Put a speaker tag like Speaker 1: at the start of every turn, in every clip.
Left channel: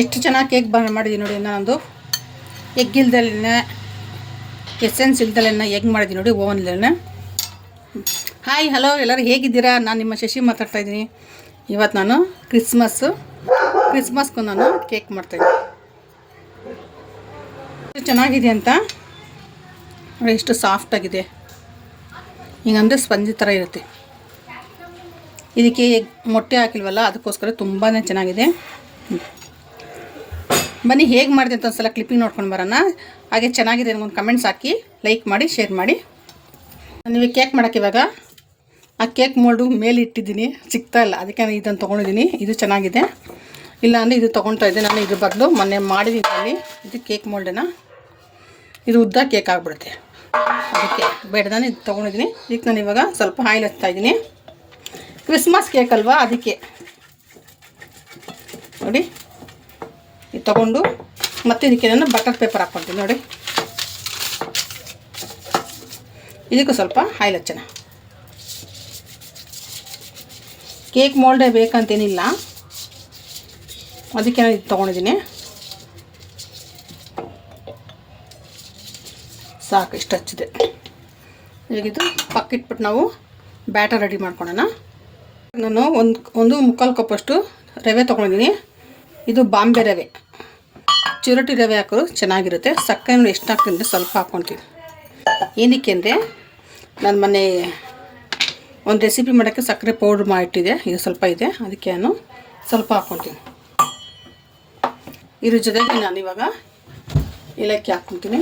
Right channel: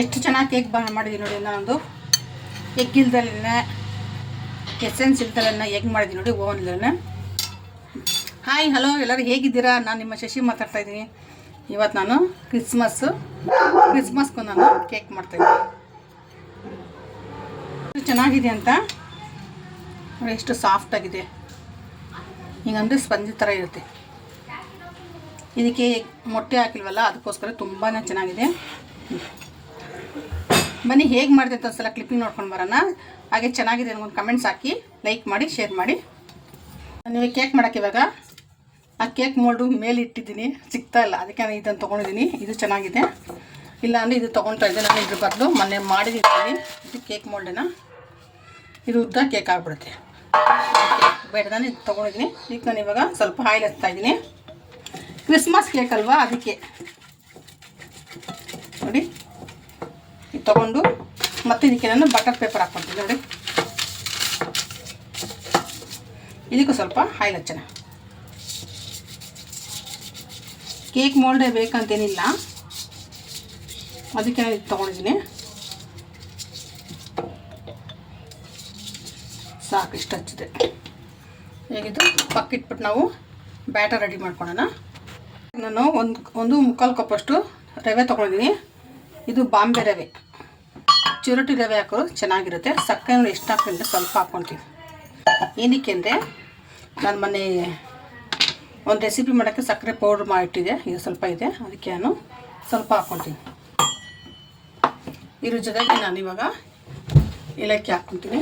Speaker 1: ಎಷ್ಟು ಚೆನ್ನಾಗಿ ಕೇಕ್ ಬ ಮಾಡಿದ್ದೀನಿ ನೋಡಿ, ನಾನೊಂದು ಎಗ್ ಇಲ್ದಲೇ ಎಸೆನ್ಸ್ ಇಲ್ದಲೇ ಎಗ್ ಮಾಡಿದ್ದೀನಿ ನೋಡಿ ಓವನ್ಲೇ ಹಾಯ್ ಹಲೋ ಎಲ್ಲರೂ ಹೇಗಿದ್ದೀರಾ? ನಾನು ನಿಮ್ಮ ಶಶಿ ಮಾತಾಡ್ತಾ ಇದ್ದೀನಿ. ಇವತ್ತು ನಾನು ಕ್ರಿಸ್ಮಸ್ಸು ಕ್ರಿಸ್ಮಸ್ಗೂ ನಾನು ಕೇಕ್ ಮಾಡ್ತಾಯಿದ್ದೀನಿ ಚೆನ್ನಾಗಿದೆ ಅಂತ? ನೋಡಿ, ಎಷ್ಟು ಸಾಫ್ಟಾಗಿದೆ ಹಿಂಗಂದರೆ ಸ್ಪಂಜಿ ಥರ ಇರುತ್ತೆ. ಇದಕ್ಕೆ ಮೊಟ್ಟೆ ಹಾಕಿಲ್ವಲ್ಲ, ಅದಕ್ಕೋಸ್ಕರ ತುಂಬಾ ಚೆನ್ನಾಗಿದೆ. ಬನ್ನಿ, ಹೇಗೆ ಮಾಡಿದೆ ಅಂತ ಒಂದ್ಸಲ ಕ್ಲಿಪ್ಪಿಂಗ್ ನೋಡ್ಕೊಂಡು ಬರೋಣ. ಹಾಗೆ ಚೆನ್ನಾಗಿದೆ ಒಂದು ಕಮೆಂಟ್ಸ್ ಹಾಕಿ ಲೈಕ್ ಮಾಡಿ ಶೇರ್ ಮಾಡಿ. ನೀವು ಕೇಕ್ ಮಾಡೋಕ್ಕೆ ಇವಾಗ? ಆ ಕೇಕ್ ಮೋಲ್ಡು ಮೇಲೆ ಇಟ್ಟಿದ್ದೀನಿ. ಸಿಗ್ತಾ ಇಲ್ಲ, ಅದಕ್ಕೆ ನಾನು ಇದನ್ನು ತೊಗೊಂಡಿದ್ದೀನಿ. ಇದು ಚೆನ್ನಾಗಿದೆ. ಇಲ್ಲ ಅಂದರೆ ಇದು ತೊಗೊಳ್ತಾ ಇದ್ದೆ, ನಾನು ಇದ್ರ ಬದಲು ಮೊನ್ನೆ ಮಾಡಿದ್ದೀನಿ ಇದು ಕೇಕ್ ಮೋಲ್ಡೇನ ಇದು ಉದ್ದ ಕೇಕ್ ಆಗಿಬಿಡುತ್ತೆ. ಅದಕ್ಕೆ ಬೇಡದಾನೆ ಇದು ತೊಗೊಂಡಿದ್ದೀನಿ. ಇದಕ್ಕೆ ನಾನು ಇವಾಗ ಸ್ವಲ್ಪ ಆಯಿಲ್ ಹಚ್ತಾ ಇದ್ದೀನಿ. ಕ್ರಿಸ್ಮಸ್ ಕೇಕ್ ಅಲ್ವಾ, ಅದಕ್ಕೆ. ನೋಡಿ. ಇದು ತೊಗೊಂಡು ಮತ್ತೆ ಇದಕ್ಕೆ ನಾನು ಬಟರ್ ಪೇಪರ್ ಹಾಕ್ಕೊಳ್ತೀನಿ ನೋಡಿ. ಇದಕ್ಕೂ ಸ್ವಲ್ಪ ಆಯಿಲ್ ಹಚ್ಚೋಣ. ಕೇಕ್ ಮೋಲ್ಡೇ ಬೇಕಂತೇನಿಲ್ಲ. ಅದಕ್ಕೆ ನಾನು ಇದು ತೊಗೊಂಡಿದ್ದೀನಿ. ಸಾಕು, ಇಷ್ಟು ಹಚ್ಚಿದೆ. ಹೇಗಿದ್ದು ಪಕ್ಕಿಟ್ಬಿಟ್ಟು ನಾವು ಬ್ಯಾಟರ್ ರೆಡಿ ಮಾಡ್ಕೊಳ್ಳೋಣ ನಾನು ಒಂದು ಒಂದು ಮುಕ್ಕಾಲು ಕಪ್ಪಷ್ಟು ರವೆ ತೊಗೊಂಡಿದ್ದೀನಿ. ಇದು ಬಾಂಬೆ ರವೆ. ಚಿರೋಟಿ ರವೆ ಹಾಕೋದು ಚೆನ್ನಾಗಿರುತ್ತೆ. ಸಕ್ಕರೆ ಎಷ್ಟು ಹಾಕ್ತೀನಿ ಸ್ವಲ್ಪ ಹಾಕ್ಕೊಳ್ತೀವಿ ಏನಕ್ಕೆ ಅಂದರೆ ನಾನು ಮೊನ್ನೆ ಒಂದು ರೆಸಿಪಿ ಮಾಡೋಕ್ಕೆ ಸಕ್ಕರೆ ಪೌಡ್ರ್ ಮಾಡಿಟ್ಟಿದೆ ಇದು ಸ್ವಲ್ಪ ಇದೆ. ಅದಕ್ಕೆ ನಾನು ಸ್ವಲ್ಪ ಹಾಕ್ಕೊತೀನಿ ಇದ್ರ ಜೊತೆಗೆ ನಾನು ಇವಾಗ ಏಲಕ್ಕಿ ಹಾಕ್ಕೊತೀನಿ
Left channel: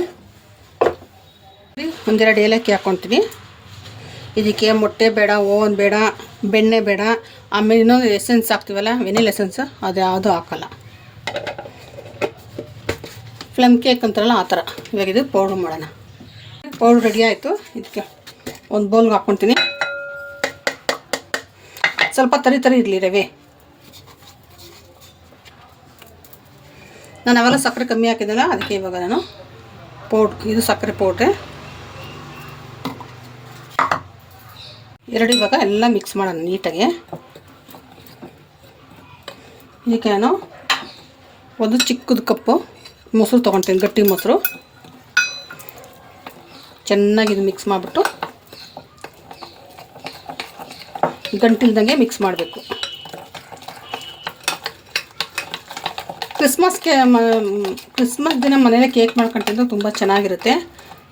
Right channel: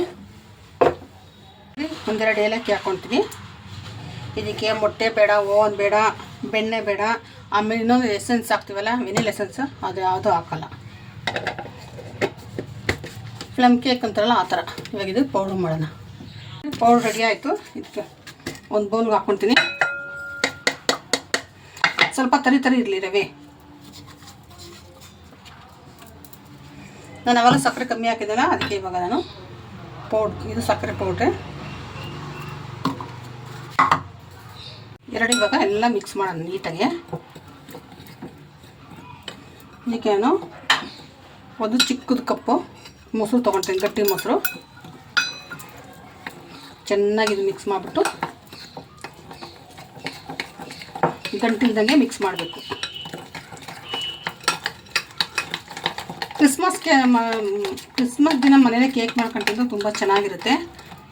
Speaker 1: ಒಂದೆರಡು ಏಲಕ್ಕಿ ಹಾಕ್ಕೊತೀನಿ ಇದಕ್ಕೆ ಮೊಟ್ಟೆ ಬೇಡ ಓನ್ ಬೇಡ. ಬೆಣ್ಣೆ ಬೇಡ. ಆಮೇಲೆ ಇನ್ನೊಂದು ಎಸೆನ್ಸ್ ಹಾಕ್ತೀವಲ್ಲ ವೆನಿಲ್ ಎಸೆನ್ಸ್ ಅದು ಯಾವುದೂ ಹಾಕಲ್ಲ. ಫ್ಲಮ್ ಕೇಕ್ ಅಂತಾರಲ್ಲ, ಆ ಥರ. ಇವಾಗ ಇದು ಪೌಡ್ರ್ ಮಾಡೋಣ. ಪೌಡ್ರ್ ರೆಡಿ ಆಯಿತು. ಇದಕ್ಕೆ ಒಂದು ಬೌಲ್ಗೆ ಹಾಕ್ಕೊತೀನಿ ಸ್ವಲ್ಪ ತರಿ ತರಿ ಇರಲಿ ರವೆ. ನಾನು ಅವೆಲ್ಲ ಸಕ್ಕರೆ ಕಮ್ಮಿ ಹಾಕಿದ್ದಲ್ಲ ಅದಕ್ಕೆ ಇವಾಗ ನಾನು ಪೌಡ್ ಇದು ಸಕ್ಕರೆ ಪೌಡ್ರೆ ಎರಡು ಇವಾಗ ಎಲ್ಲ ಮಿಕ್ಸ್ ಮಾಡೋಣ ನೀಟಾಗಿ. ಈಗ ನಾನು ಒಂದು ಚಿಕ್ಕದು ಕಪ್ಪು, ಮೊಸರು ತೊಗೊಳ್ತೀನಿ ಗಟ್ಟಿ ಮೊಸರು. ಚೆನ್ನಾಗಿ ಇದು ಮಿಕ್ಸ್ ಮಾಡಿಬಿಟ್ಟು ಗಂಟಿಲ್ದಂಗೆ ಮಿಕ್ಸ್ ಮಾಡಬೇಕು. ಕ್ರಿಸ್ಮಸ್ಗೆ ಕ್ರಿಸ್ಮಸ್ ದಿನ ಮನೇಲೆ ಕೇಕ್ ಮಾಡ್ಕೊಂಡು ತುಂಬ ಚೆನ್ನಾಗಿರುತ್ತೆ.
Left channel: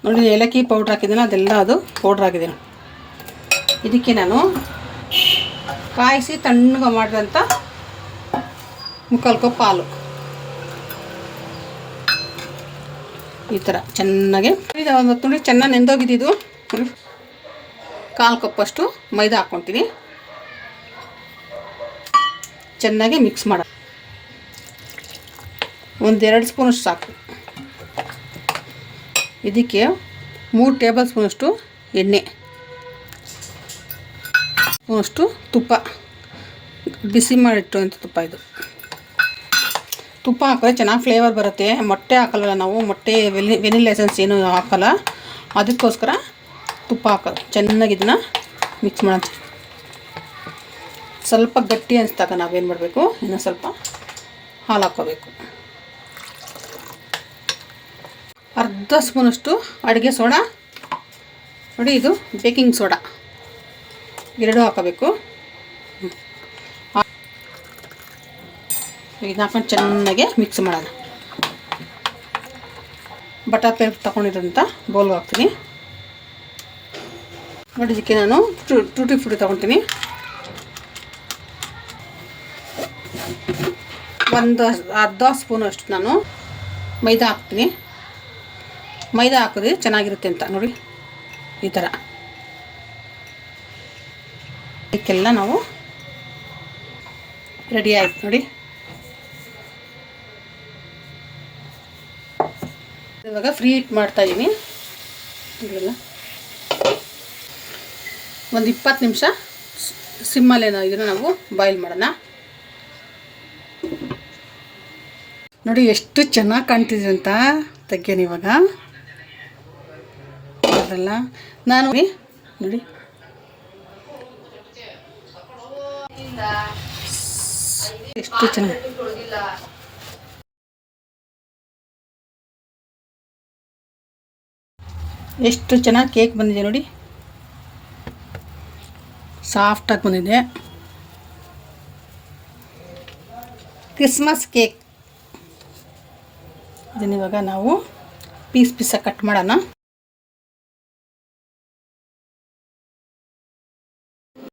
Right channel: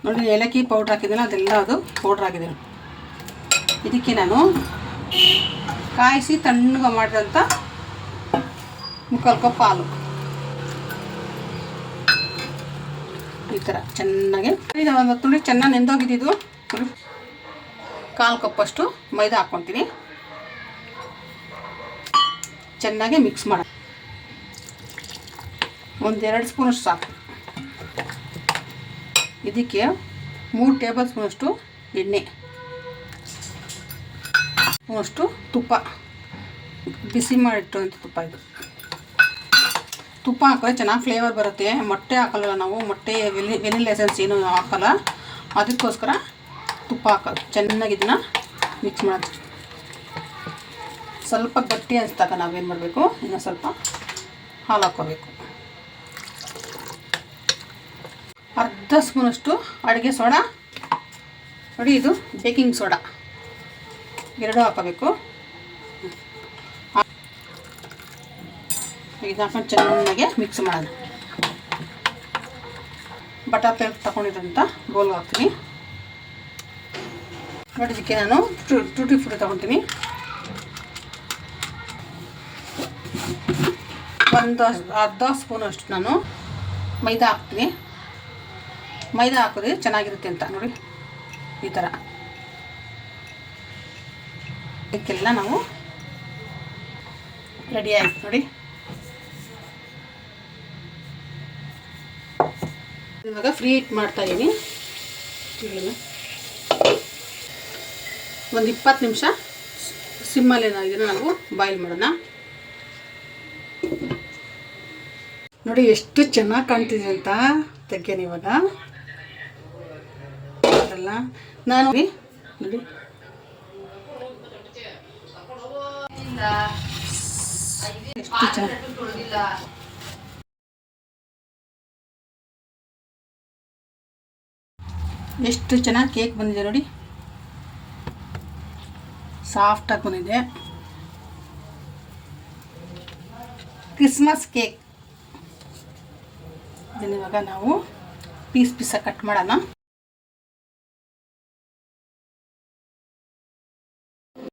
Speaker 1: ನೋಡಿ, ಏಲಕ್ಕಿ ಪೌಡ್ರ್ ಹಾಕಿದ್ದೀನಿ ಅದೆಲ್ಲ ಅದು ಪೌಡ್ರ್ ಹಾಕಿದ್ದೀನಿ ಇದಕ್ಕೆ ನಾನು ಕಾಯಿಸಿ ತಣ್ಣಗೆ ಮಾಡಿದಂಥ ಮುಕ್ಕಾಲು ಕಪ್ ಹಾಲು ಈ ಥರ ಚೆನ್ನಾಗಿ ಒಂದು ನೋಡಿ ಚೆನ್ನಾಗಿ ನೆಂದೋಗಿದ್ದು ಕಾಲು ಕಪ್ಪಷ್ಟು ಮೈದಾ ಹಾಕ್ಕೊತೀನಿ ಚೆನ್ನಾಗಿ ಮಿಕ್ಸ್ ಮಾಡ. ಒಂದೆರಡು ಸ್ಪೂನಷ್ಟು ಸಾಕು. ಇದಕ್ಕೆ ಮೂರು ಟೇಬಲ್ ಸ್ಪೂನಷ್ಟು ಎಣ್ಣೆ. ಸ್ಪೂನಷ್ಟು ತುಪ್ಪ. ಬಿಸಿ ಮಾಡಿಟ್ಟುವಂಥ ತುಪ್ಪ ಇದು. ತುಪ್ಪ ಹಾಕಿದ್ರೆ ಚೆನ್ನಾಗಿ ಫ್ಲೇವರ್ ಬರುತ್ತೆ. ಮೊಟ್ಟೆ ಹಾಕಲ್ಲ ನಾವು, ಮೊಟ್ಟೆ, ವೆನಿ ವೆನಿಲ್ ಎಸೆನ್ಸ್ ಏನು ಹಾಕಲ್ಲ, ಅದಕ್ಕೋಸ್ಕರ ತುಪ್ಪ ಹಾಕೋದು ಚೆನ್ನಾಗಿ ಇದನ್ನು ಮಿಕ್ಸ್ ಮಾಡೋದು ಸ್ವಲ್ಪ ಗಟ್ಟಿ ಅನಿಸ್ದಾಗ ನಾವೇನು ಮಾಡಬೇಕು? ಇನ್ನು ಸ್ವಲ್ಪ ಹಾಲು ಹಾಕ್ಕೋಬೇಕು. ಅರ್ಧ ಸ್ಪೂನಷ್ಟು ಅಡುಗೆ ಸೋಡಾ. ನೋಡಿ ಇದು ಬೇಕಿಂಗ್ ಸೋಡಾ. ಎರಡು ಹಾಕಬೇಕು. ಇದನ್ನ ಹಾಕೊಂಡು ಚೆನ್ನಾಗಿ ಮಿಕ್ಸ್ ಮಾಡೋಣ. ಪೇಪರ್ ತೊಗೊಂಡಿದ್ದಂಥ ಬೌಲ್ ಹಾಕ್ತೀನಿ. ನೋಡಿ ಇದಕ್ಕೆ ನಾನು ಟೂಟಿ ಫ್ರೂಟಿ ತೊಗೊತೀನಿ. ಒಂದು ಅರ್ಧ ಸ್ಪೂನು ಅಷ್ಟು ನಾನು ಮೈದಾ ಹಾಕ್ತೀನಿ. ಮೈದಾ ಹಾಕಿದ್ರೆ ಚೆನ್ನಾಗಿರುತ್ತೆ ಅಂತ, ನೋಡಿ, ಈ ಥರ. ಇದಕ್ಕೆಲ್ಲ ನಾವು ರೆಡಿ ಆಯ್ತು ನೋಡಿ. ಇವಾಗ ಫ್ರೀ ಮಾಡ್ತಾ ಇವೆಲ್ಲ ಒಂದು ಇಪ್ಪತ್ತು ನಿಮಿಷ ಸಿಮ್ಮಲ್ಲಿ ಇದನ್ನು ನಾವು ಬಾಯ್ಲ್ ಮಾಡೋಣ. ನೋಡಿ ಎಷ್ಟು ಚೆನ್ನಾಗಿ ಕಾಣ್ತಿದೆ ಅಂತ ತೆಕ್ಕೇನಿ ಇವಾಗ. ಅಲ್ಲ ನಾನು ನೋಡಿ. ಎಷ್ಟು ಚೆನ್ನಾಗಿ ಎಷ್ಟು ಚೆನ್ನಾಗಿ ಕೇಕ್ ಬಂದಿದೆ ನೋಡಿ. ಸಾಫ್ಟಾಗಿ ಬಂದಿದೆ. ಕ್ರಿಸ್ಮಸ್ ಕೇಕ್ ಇದನ್ನಿವಾಗ ನಾವು ಪೀಸ್ ಪೀಸಾಗಿ ಕಟ್ ಮಾಡೋಣ.